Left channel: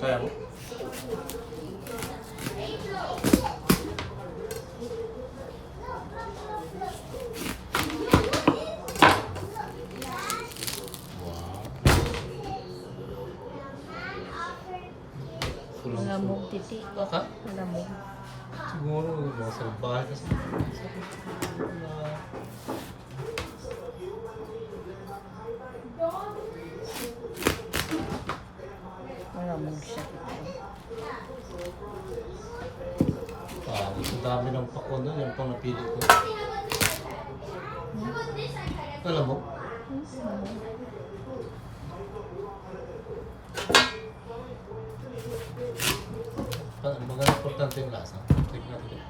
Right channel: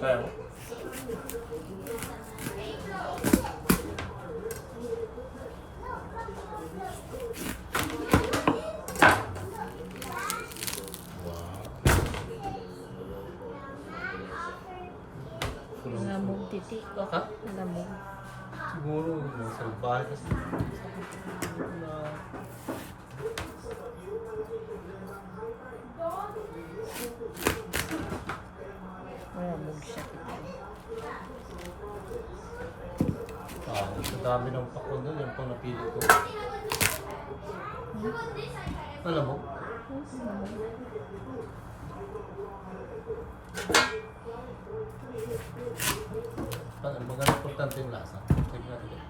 Kaya. Kulang Nalamog titi. Ha? Nalamog. Siguro mga salbahe kasi. Na... Siya titi. Ah, sa dami ng pakwan doon, yung pang napili ko. Alam mo? Hmm. Ah, Maganda importante yung lasa. Check natin.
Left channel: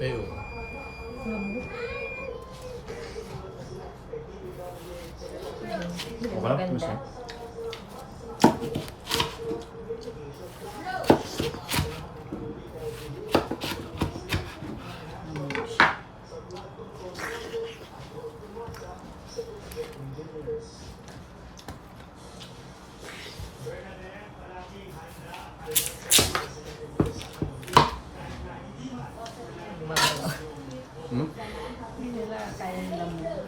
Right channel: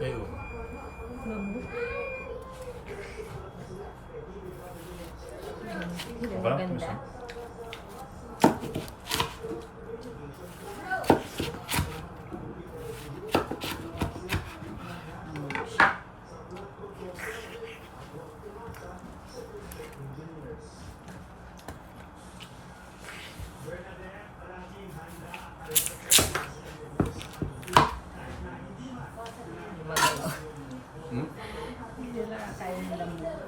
Ayo. Nalamog. Hindi Wala, maganda. gusto. Nalamog siya. Gumagalaw. Hmm? Hindi nila kaya ng lamog.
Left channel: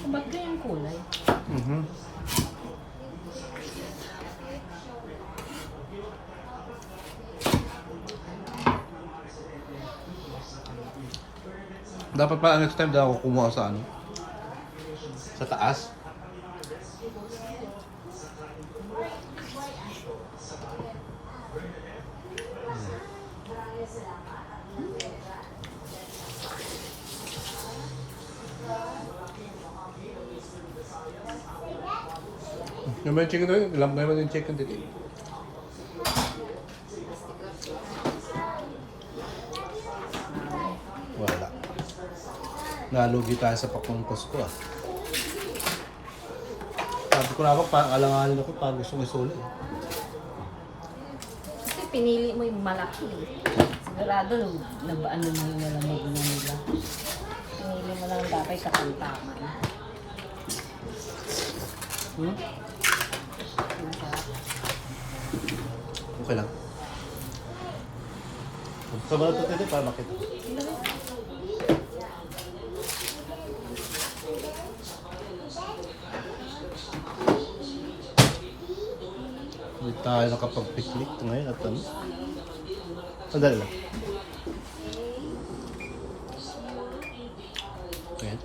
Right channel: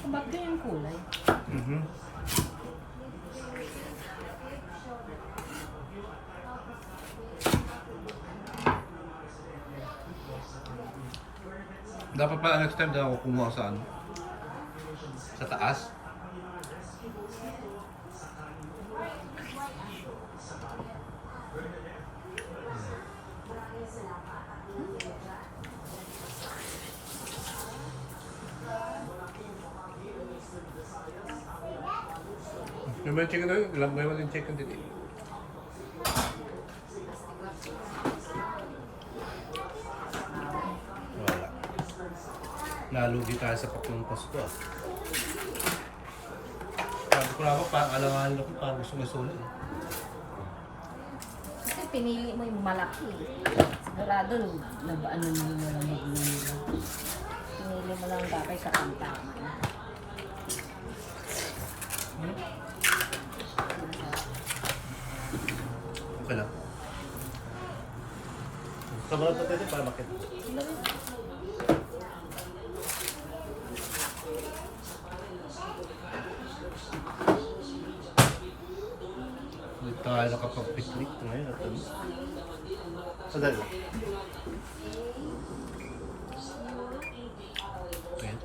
Kung ba't ganyan kulay? Mhm. Dapat pa next time daw ako kumuha sa ano? Sa taas. Ba yung chicken doon? Ilang ba yung chicken dito? Nalugi tayo sa pakuntos ko ah. Sabi ko na ako, parang alanganin ako, parang gusto ko isulit. eh. Kasi pinili mo yung malaki. Sigurado, nabaan naman yung malamig na nila. Pinili mo lang dapat sa kantaman. Hmm? Masarap. Okay lang. Sa mga ito dito, paano tayo nakapag-picnic ngayon at ano. Sandali lang. Ayan.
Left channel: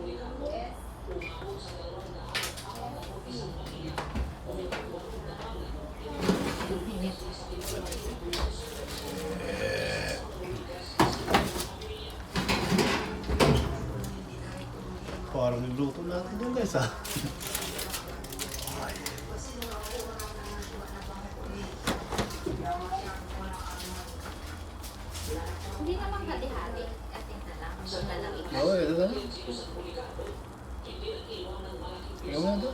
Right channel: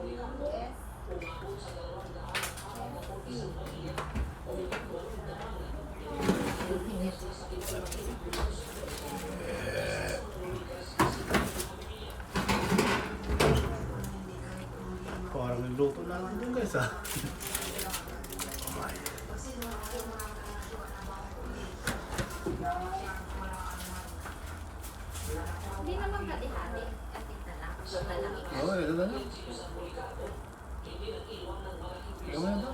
Parang nagluto na natin dyan guys ah. Hindi naman hati-hati. Kasi na lang. Pag nalamig. Oo, ito na lang. Ikaw mo yan to?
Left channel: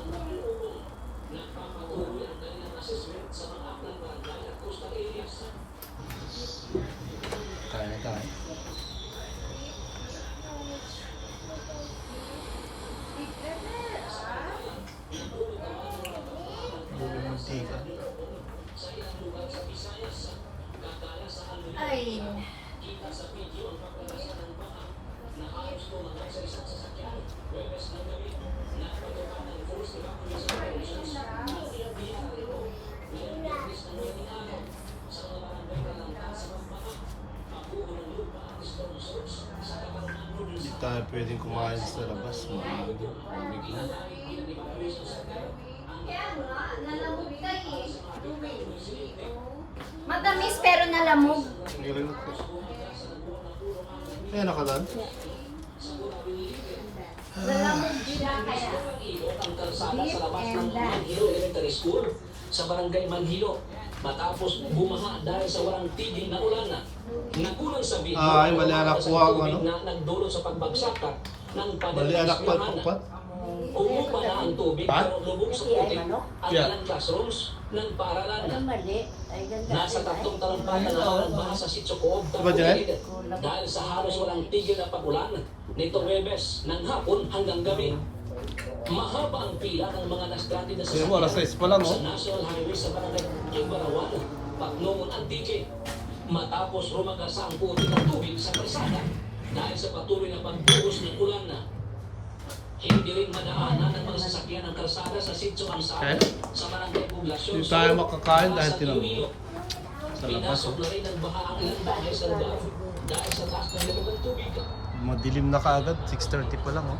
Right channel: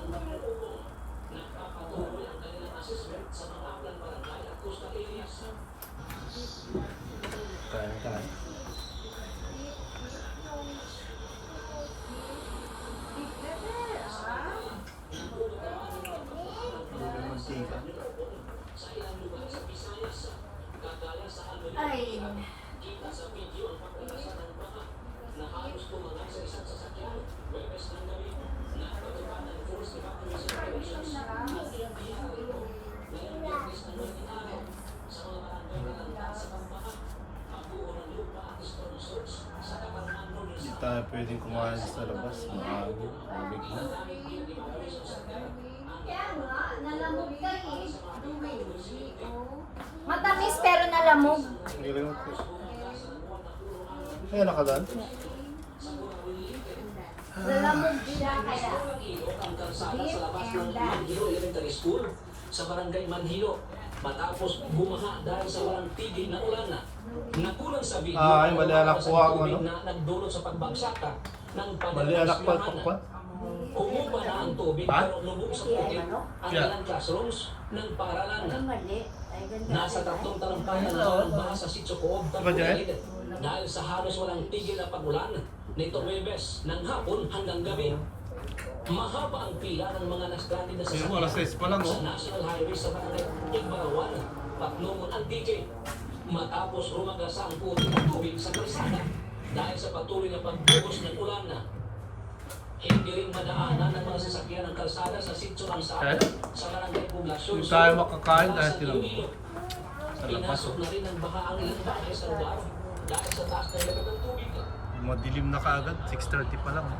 Kaya na tayo. Hindi mo mantika. Ay. Hindi tayo pwedeng kumain sa labas. Maaga. Malamig na. Matamis pero nalamog. Sige lang natin. Ayan, nakadan. Nalamog siya kaya. Beef and Elementary School sa barangay Manghilo matapos bumaha dahil sa walang tigil na ulan na. Nakulang sa video Ay, mali anak ko ang ano? na nagdulot sa pagbagsak ng Mali anak pa pakwan. Umupa na ang tubig Pa? pero lubog sa puti ang Yeah. ilang classrooms ng paaralan na. Nasa tatlong taong pa na naman sa sitso koob ng Diba, Janet? Dahil sa halos walang tigil na pagulan nito Webes ng hapon hanggang gabi. Mahaba ang pila ng mga nastranded na mo, alas 6 pa lang, oh. sa National Highway sa barangay Ibarawan, Pagnongon, Antique. Matapos rumagasa ang puti ng tubig sa kalsada dahil sa patuloy na pagbuhos ng ulan na hindi rin madaanan ng mga sasakyan ng kalsada sa Sitso Ansara Eh? sa barangay Poblasyon. Hindi tayo makakain dahil. Iloilo. Sa labas, Pinasok oh. na rin ang baha ang ilang bahay sa lugar dahil sa taas na ng tubig. Madilim na kaagad, 6.30 pa lang oh.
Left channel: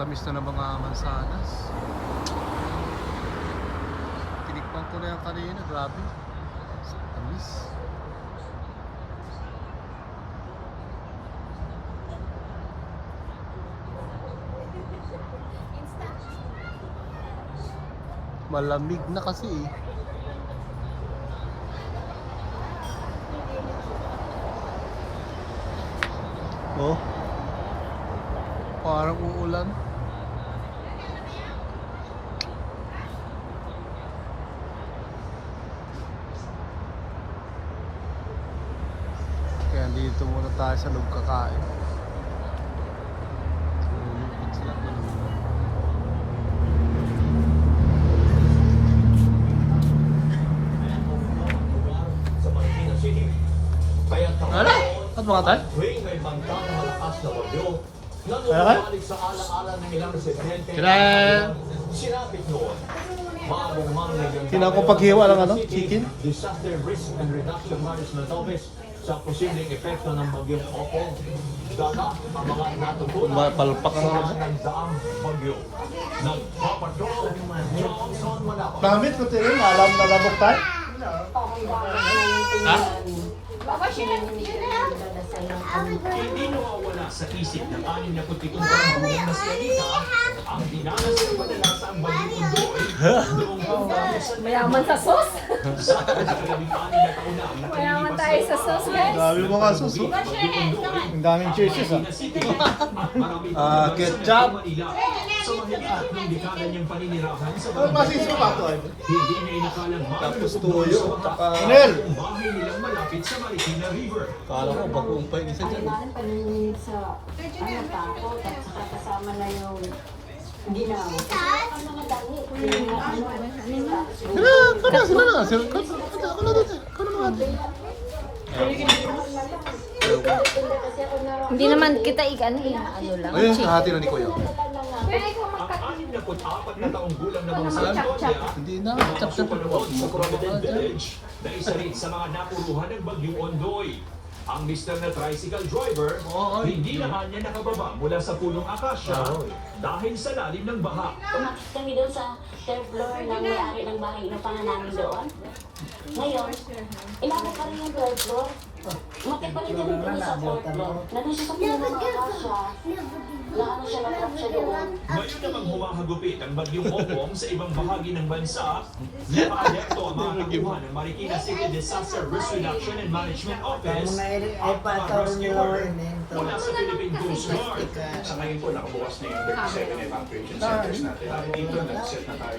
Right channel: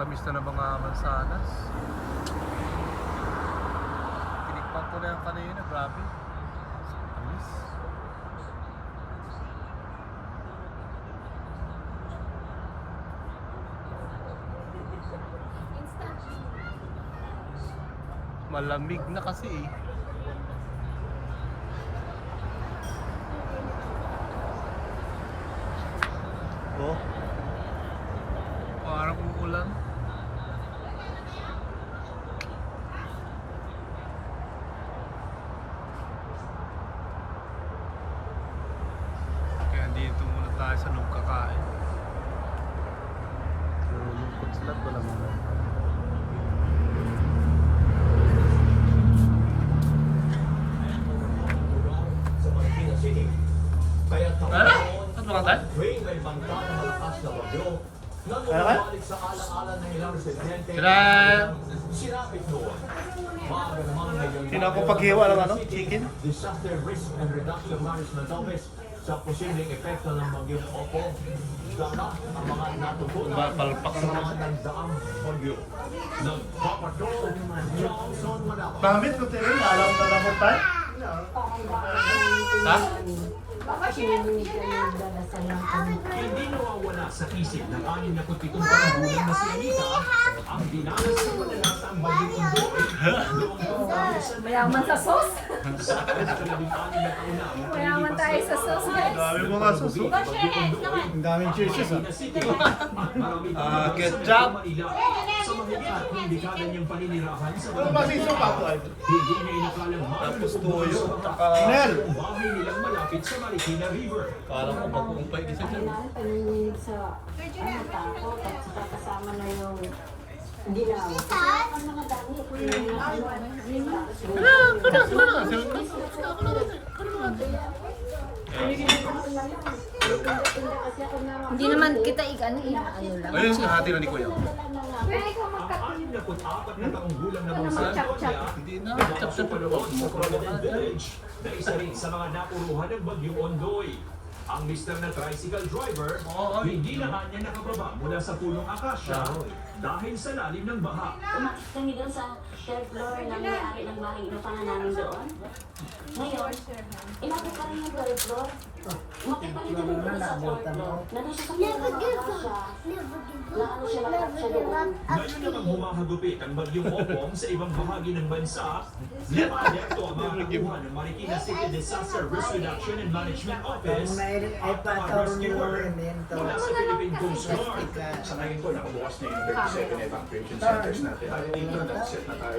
Tamis na ng mga mansanas. Tinikman ko na yan kanina, grabe. Tamis. Malamig na kasi eh. Oh. Parang uulan. Kaya dito muna tayo sa loob kakain. Nalulungkot sila at walang sa Marikina City. Kaya Ano? At mga tayo? tuwing may banta na bagyo, nang umabalik sa alang-alang ng ilang residente, Sila! sinapit noon. Maagang mang naging Kinakapaghiwa ng ano? Chicken? Disaster Risk and Reduction Management Office sa posibleng epekto ng bagyong Opo. Gana ang mga natutunan palpak sa ng daang bagyo. Nagpapatrol, Johnson Manapa. Pamit ko tayo, alam na naman tayo. Ha? Hindi nawawala sa isip ng 67 taong gulang na si Anita ang dinanas ng padalasang bagyong Undoy noong pangalasan Mayaman sa sauce. na na Mayaman tayo sa sauce, guys. Dami mga suso. Ang daming cheeses ah. Ah, ketchup. Sa mahigit tatlong dekada niyang paninirahan sa Ano ba si suka to ay? Hindi niya inakalang Tapos tsaka- Ang bahay nilang malapit sa Marikina River. Kala ko bagong pa yung isa dyan. Kailangan paningin sa ano at saka kasama na yung ginaw. Kasi ang mga dami, yung mga Sila, kada sila na. Sila, kada na dito. Kada na dito. kasi ako na Hindi naman kita ik-ano eh, ano lang. Ayun, chick. hati na ni Kuya. Kaya ikaw magkat... 64 na taong gulang na Ano naman, chap-chap? Hindi na, chap-chap. Village na isa rin sa mga napuruhan ng bagyong Ondoy. Ang mister na tricycle driver, Oo, ay. hindi na nga niya nakababa mula sa punong akasya Oo. dahil sa lalim ng baha. Umakyat kami doon sa third floor na may-ari ng bahay na pa namin doon. Ngayon, inabot pa rin yung third floor. Umakyat pa rin kami doon sa third floor. Nandun siya sa pinaka siya. Na ano siya, doon. Ngayon namang humahagupit ang bagyong Opong sa ibang bahagi ng bansa, napaayekto ang mga kakuha ng Marikina City Disaster Risk Reduction and Management Office ay patawag nila rin eh. mula sa Philippine Coast Guard. Sa ngayon po, nakabukas na yung 37 evacuation centers natin. At dito, nag-set na tayo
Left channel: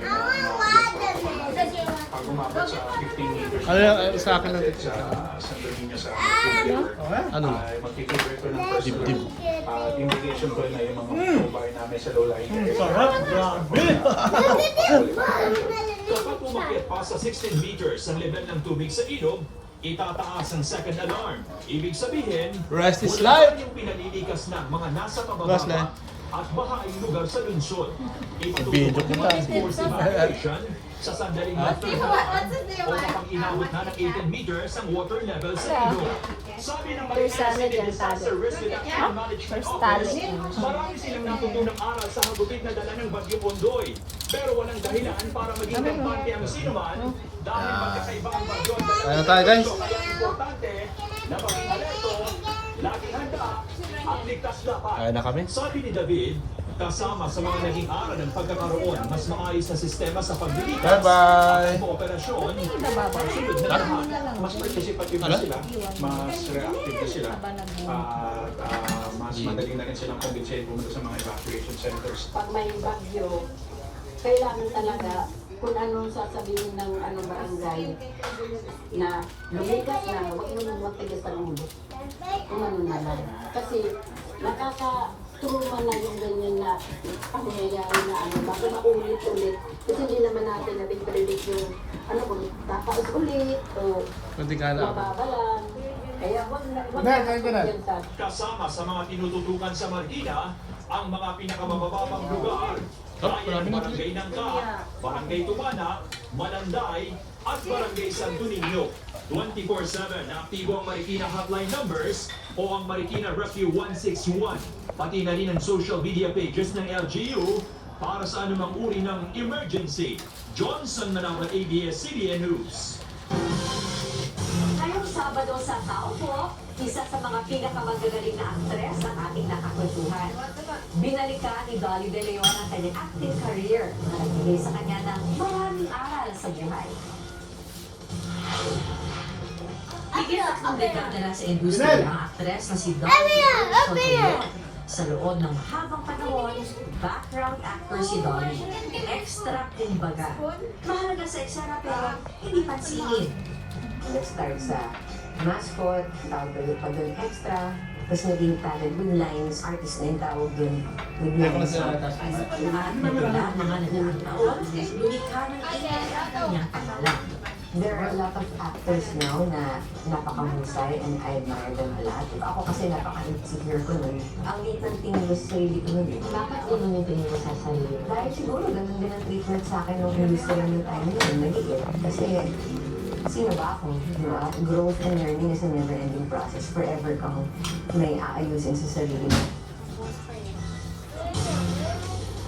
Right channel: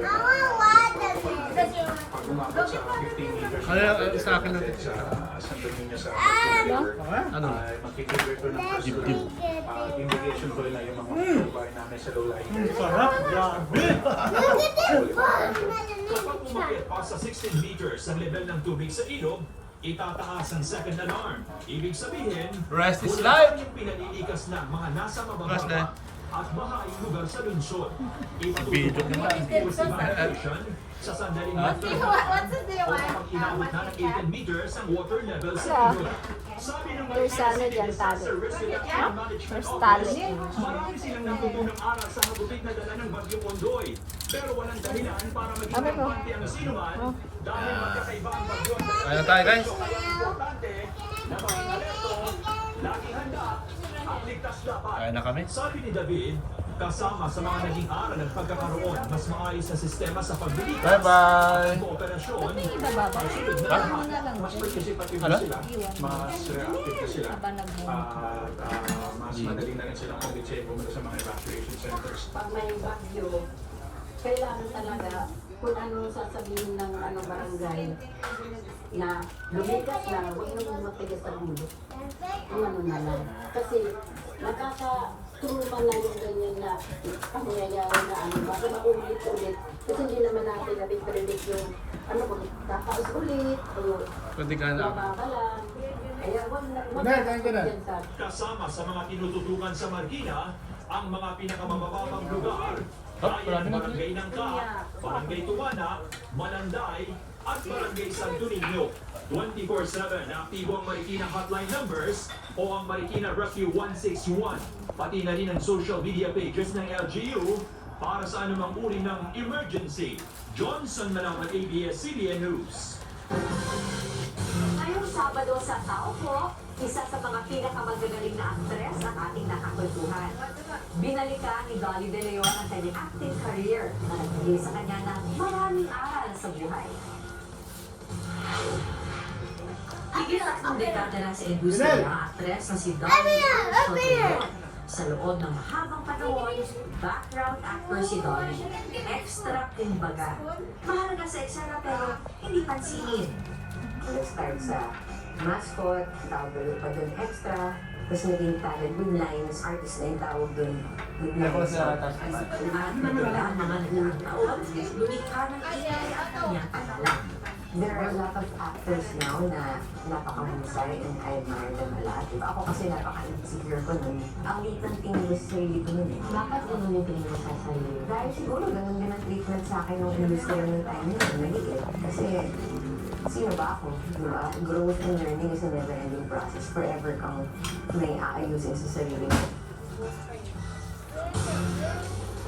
pag umabot sa 15 meters. Ano yung sa akin natin? Sa Santo Niño sa River. Ano? Ay, Magkikibir ko ng first uh, indication ko rin na yung mga bahay namin sa low-lying area. Kapag umakit pa sa 16 meters ang level ng tubig sa ilog, itataas ang second alarm. Ibig sabihin, Rest is life. yung pinalilikas ng mga nasa Rest at bahaing lugar sa lungsod. Ito ang sports evacuation sa sandaling inabot na ng 18 meters ang water level sa ilog. Sabi ng Marikina City Disaster Risk Reduction Management Office, marami silang natutunang aral sa hagupit na dala ng Bagyong Ondoy. Pero walang dahilan para maging kampante ang sinuman dahil magkakaiba ang bagyo at Kaya na tayo, guys. Kaya importante na maging alerto, laging handa, ang ligtas dapat. Kaya na kami. Sabi ni David, kasama sa mga naging aral ng pagkakaroon mas maayos na sistema sa paglilitas Bye-bye! kooperasyon Ba't yung ibababa? sunod na Ha? na lang Mas Ano? na sila, mas reactive na sila. At ah, mas madali na rin silang kumbinsihin pumunta sa mga evacuation centers. Pag may bagyo, kailangan talaga kung ano sasabihin ng ano barangay na lumikas na, huwag mo matigas ang ulo. Kung ano na lang. Kasi nakaka-truma na yung ganyan na pangyayari na ano, baka maulit-ulit. Kasi hindi naman natin natin predict yung ano kung tataas ulit o Pwede ka lang. Kaya wag na, wag Kunar, kain ka na. yan sa Kasama sa mga tinututukan sa Marikina, ang mga pinakamabababang lugar. Hop, marami ng na Barangay Nangka, Barangay Tumana, Malanday, at Barangay Santo Niño. 24-7 na aktibo ang Marikina hotline numbers o ang Marikina Rescue 161. Pati na rin ang social media pages ng LGU para sa anumang uri ng emergency. Johnson Manama, ABS-CBN News. Ngayong Sabado sa Tao po, isa sa mga pinakamagagaling na aktres ang ating nakakwentuhan. Binalikan ni Dolly De Leon ang kanyang acting career na nagbigay sa kanya ng maraming aral sa buhay. Higit at ang dekada na sa industriya ang aktres na si Dolly Soltero. Sa loob ng habang panahon, background actor si Dolly. Extra kumbaga. Mahalaga sa eksena pero hindi pansinin. nag-start sa mascot, tawag doon pa doon extra, tapos naging talent yung lines, artist na yung tawag doon. With lines. At wala naman ang taon, lumikha ng alala. There are a lot of actors now na napakahusay and I admire them a lot. Diba? Ako kasi napaka-insecure ko nun. Ang liit ng tingin ko sa sarili ko nun eh. Bakit ganun yung tingin mo sa sarili? Dahil siguro ganun din ang treatment sa akin ng industry ng time na yun. Maliit. Kasi sino ba ako? Di ba? Growth and learning is a never-ending process. Forever kang may aayusin sa sarili mo.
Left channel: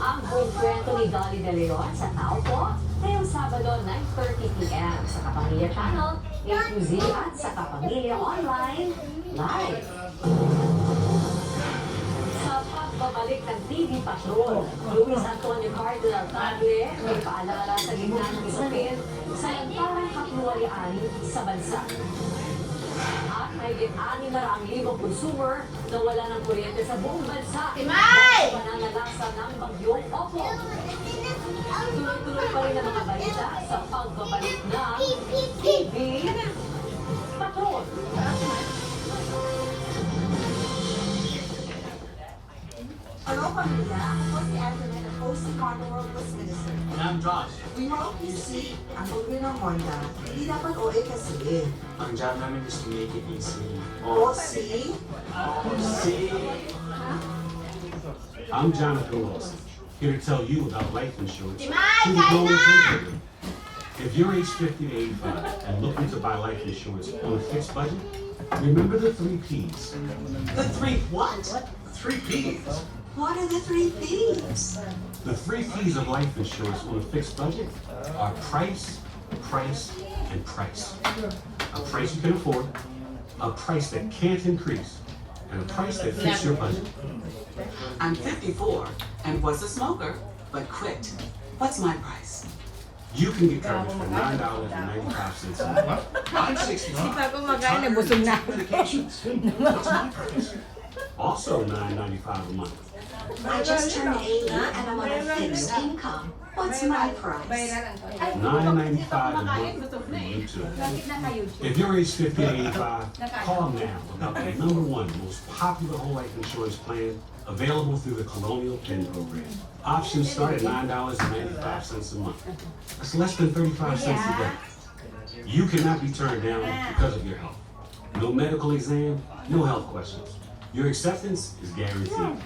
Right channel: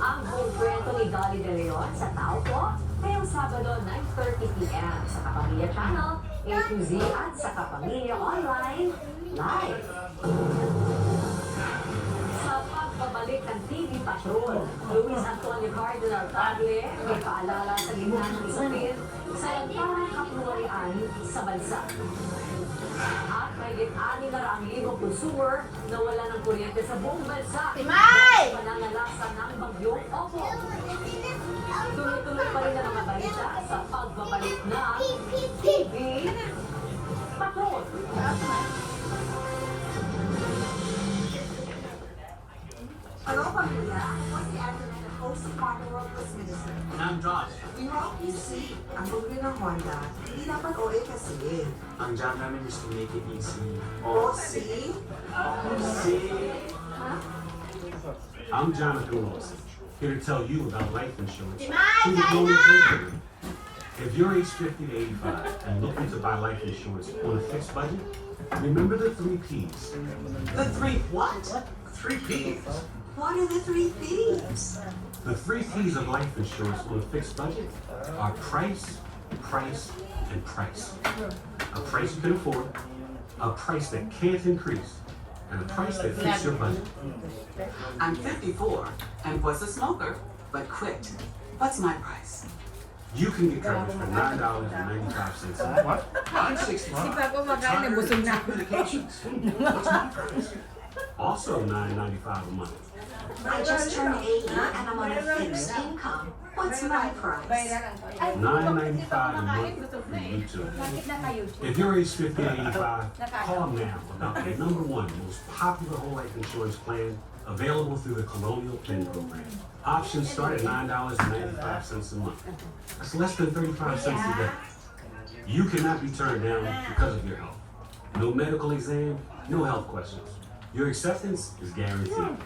Ang buong kwento ni Dolly De Leon sa Tao po, ngayong Sabado 9.30pm sa Kapamilya Channel, A to Z at sa Kapamilya Online, live. Sa pagbabalik ng TV Patrol, Luis Antonio Cardinal Tagle may paalala sa gitna ng usapin sa nagparang kapluwalian sa bansa. At may gitani na ang libong consumer na wala ng kuryente sa buong bansa. Timay! Mananalasa ng bagyong Opo. Tuloy-tuloy pa rin ang mga balita sa pagbabalik ng TV Patrol. Hello, pamilya. Host ng Carnival Plus Minister. And I'm Josh. We hope you see, ang pagli ng Wanda, hindi dapat OA kasi. Ang job namin is to make it easy. O, see? See? Oh, I'm Jonathan Wilson, here to tell you about life insurance. through the Global Paper. If you're age 50 to 85 and looking to buy life insurance on a fixed budget, remember the three P's. The three what? Three P's. What are the three thieves? The three P's of life insurance on a fixed budget are price, price, and price. A price you can afford, a price that can't increase, and a price that fits your budget. I'm 54 and was a smoker, but quit. What's my price? You can get coverage for nine dollars and ninety-five cents a month. I'm sixty-five. kumakain, nabusog na ako. Medications. What's my price? Also nine ninety-five a month. I just turned 80 and I'm on a fixed income. What's my price? Nine ninety-five a month from YouTube. If you're age fifty to eighty-five, call now about the number one most popular whole life insurance plan available through the Colonial Penn Program. Options start at nine dollars and ninety-five cents a month. That's less than thirty-five cents a day. You cannot be turned down because of your health. No medical exam, no health questions. Your acceptance is guaranteed.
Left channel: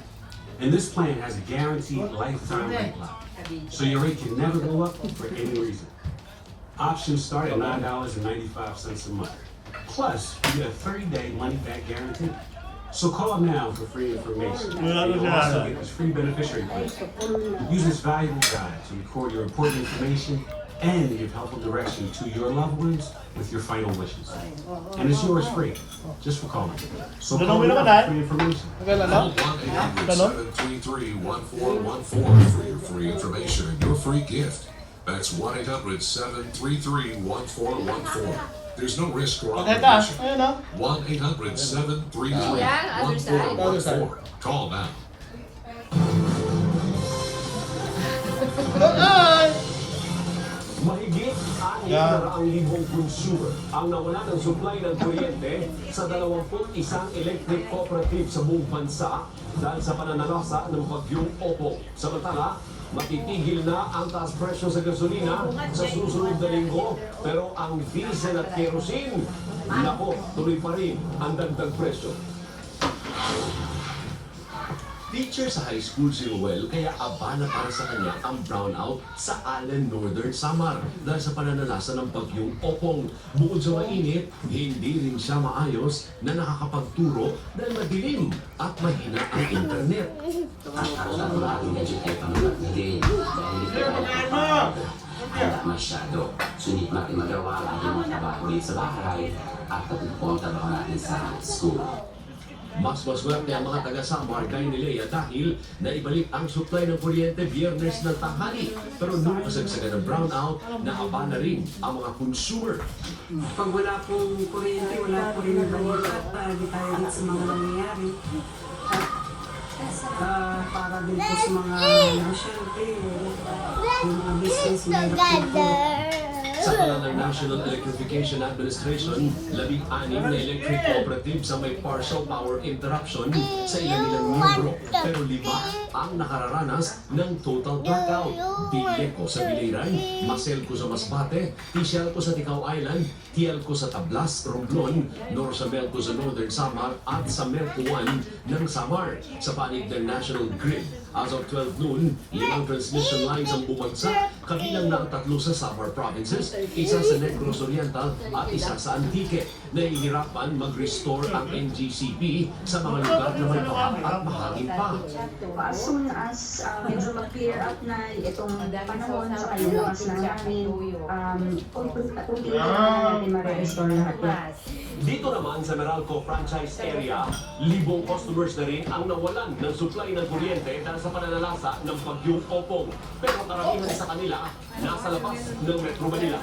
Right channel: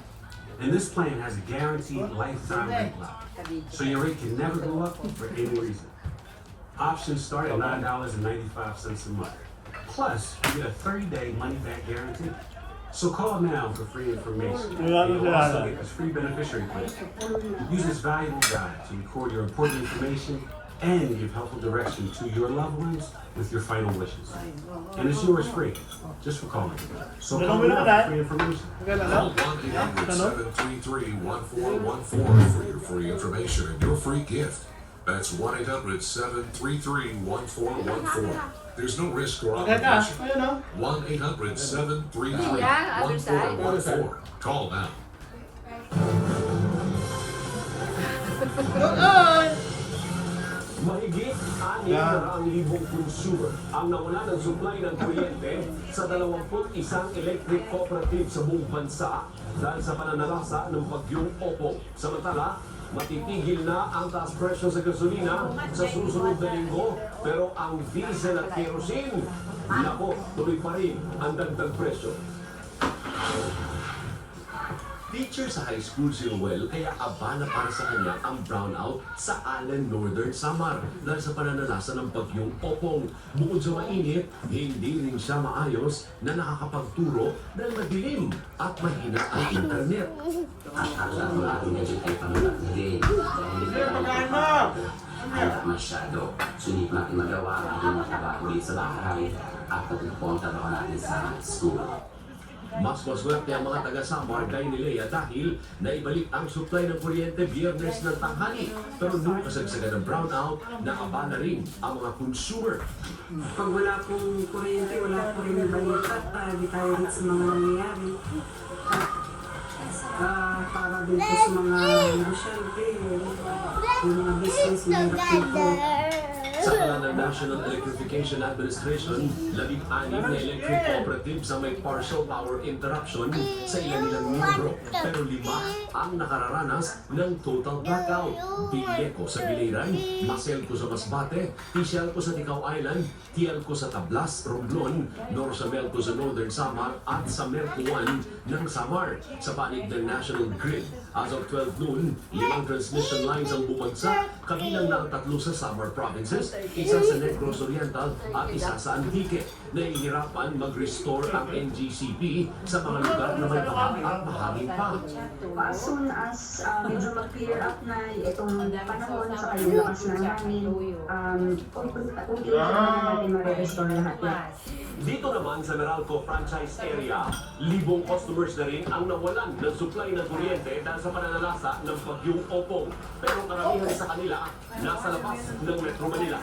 And this plan has a guaranteed lifetime rate lock. So your rate can never go up for any reason. Options start at nine dollars and ninety-five cents a month. Plus, you get a thirty-day money-back guarantee. So call now for free information. And you'll also get this free beneficiary plan. Use this valuable guide to record your important information and give helpful direction to your loved ones with your final wishes. And it's yours free, just for calling. So call now for free information. Ano? Ano? 1-800-733-1414 for your free information and your free gift. That's 1-800-733-1414. There's no risk or Teka, obligation. ayun o. 1-800-733-1414. Call now. Na ang libong consumer ang nawala ng supply ng kuryente sa 21 electric cooperative sa buong bansa dahil sa pananalasa ng bagyong Opo. Samantala, matitigil na ang taas presyo sa gasolina sa susunod na linggo pero ang diesel at kerosene, nako, tuloy pa rin ang dagdag presyo. Teacher sa high school si Ruel kaya abala para sa kanya ang brownout sa Allen Northern Samar dahil sa pananalasa ng bagyong Opong. Bukod sa mainit, hindi rin siya maayos na nakakapagturo dahil madilim at mahina ang internet. Handa masyado. Sulit natin magawa ang mga trabaho sa bahay at pagpunta pa natin sa school. Mas maswerte ang mga taga-Samar kay ni Lea dahil naibalik ang supply ng kuryente biyernes ng tanghali. Pero nung kasagsagan ng brownout, naabala rin ang mga consumer. Pag wala pong kuryente, wala po rin nabalikat para di tayo rin sa mga nangyayari. Ah, para din po sa mga, syempre, yung mga business po. Sa ng National Electrification Administration, labing-anim na electric cooperatives ang may partial power interruption sa ilan nilang membro. Pero lima ang nakararanas ng total blackout. Bilyeko sa Biliran, Maselco sa Masbate, Tisyalco sa Ticao Island, Tialco sa Tablas, Romblon, Norsamelco sa Northern Samar at sa Melco 1 ng Samar. Sa panig ng National Grid, as of 12 noon, limang transmission lines ang bumagsak, kabilang na ang tatlo sa Samar provinces, isa sa Negros Oriental at isa sa Antique. Nahihirapan mag-restore ang NGCP sa mga lugar na may baha at mahangin pa. As soon as uh, medyo mag-clear up na itong panahon sa kalimutas na namin, um, unti-unti na natin ma-restore lahat yan. Dito naman sa Meralco franchise area, libong customers na rin ang nawalan ng supply ng kuryente dahil sa pananalasa ng bagyong Opong. Pero karamihan sa kanila nasa labas ng Metro Manila.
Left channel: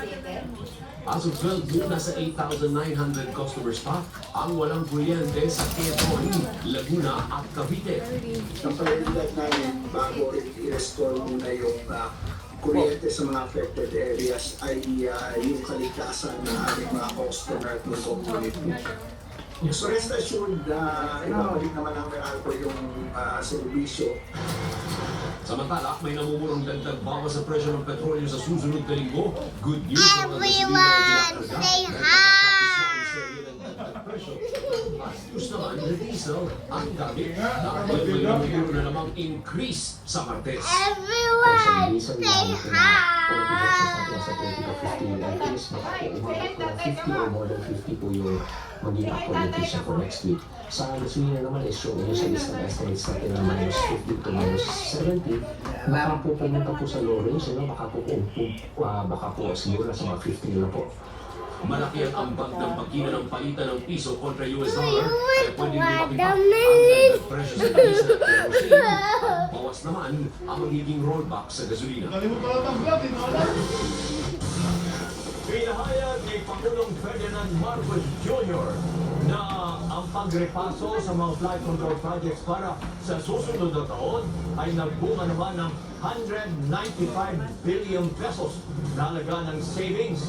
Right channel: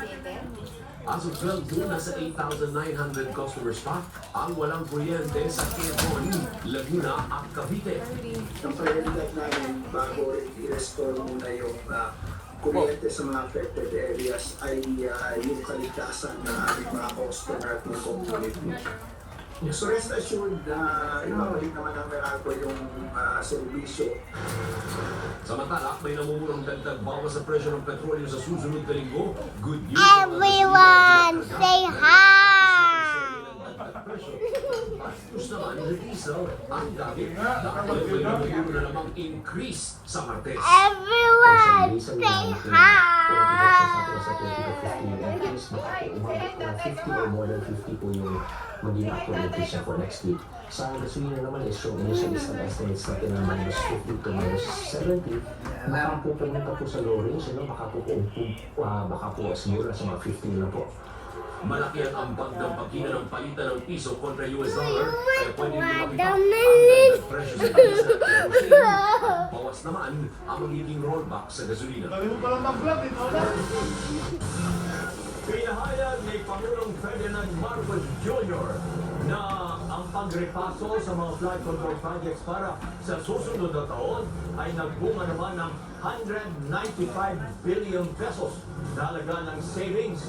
As of 12 June, nasa 8,900 customers pa ang walang kuryente sa Quezon, Laguna at Cavite. Ang prioridad namin bago i-restore muna yung uh, kuryente sa mga affected areas ay uh, yung kaligtasan ng aming mga customer at ng community. So rest assured na ibabalik naman ang Meralco yung uh, serbisyo Samantala, may namumurong dagdag bawas sa presyo ng petrolyo sa susunod na linggo. Good news Everyone, say hi! Bastos naman ng diesel ang gamit may namumuro na namang increase sa Martes. Everyone, say hi! maging actualization for next week. Sa gasolina naman is yung initial list ng estimates natin ng minus 50 to minus 70. Baka po pumunta po sa low range, you know, baka po, po uh, baka po siguro sa mga 50 na po. Malaki ang ambag ng pagkina ng palitan ng piso kontra US dollar. Kaya pwede din makipa ang presyo sa at kerosene. Bawas naman ang magiging rollback sa gasolina. Pinahayag ni Pangulong Ferdinand Marcos Jr. na ang pagrepaso sa mga flood control projects para sa susunod na taon ay nagbunga naman ng 195 billion pesos na halaga ng savings.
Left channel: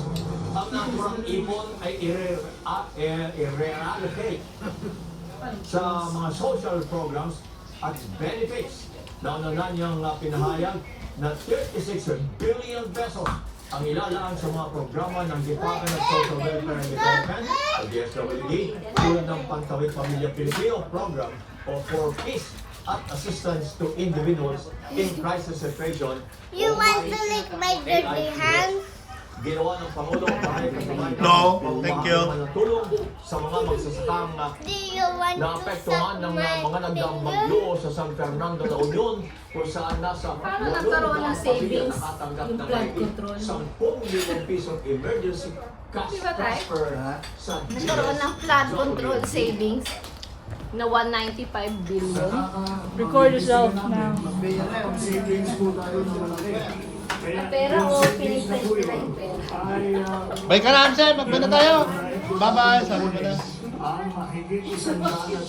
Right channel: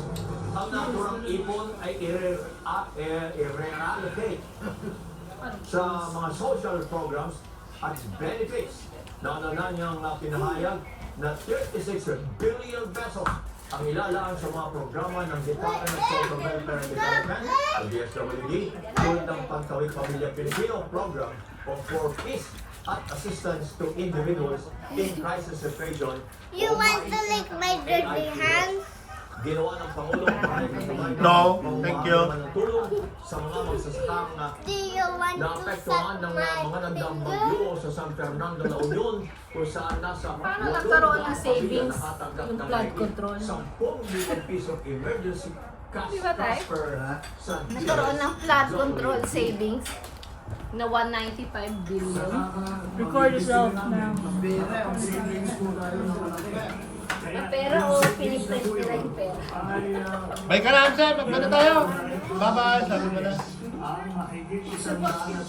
Ang naturang ipon ay ire- a- e- i-reallocate sa mga social programs at benefits. Nauna na niyang uh, pinahayag na 36 billion pesos ang ilalaan sa mga programa ng Department of Social Welfare and Development o DSWD tulad ng Pantawid Pamilya Pilipino Program for Peace Assistance to Individuals in Crisis Situation. You want to lick my dirty hands? Ginawa ng Pangulo No, thank you. sa mga magsasakang Do you want to suck ng my mga sa San Fernando la Union kung saan nasa Paano nagkaroon ng savings yung flood control? 10 milyon pisong emergency cash Di ba, Tay? transfer sa Nagkaroon ng flood control savings na 195 billion. Record yourself now. Ang pera o piniprint nila yung pera. Bye ka na, Amsen. Magba na tayo. Bye-bye. Sabi mo na.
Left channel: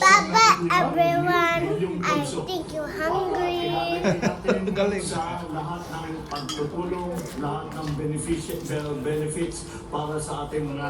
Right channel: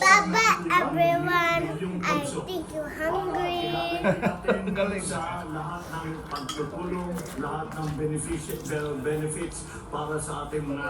Papa, everyone, I think you're hungry. Galing. lahat ng pagtutulong, lahat ng benefits, benefits para sa ating mga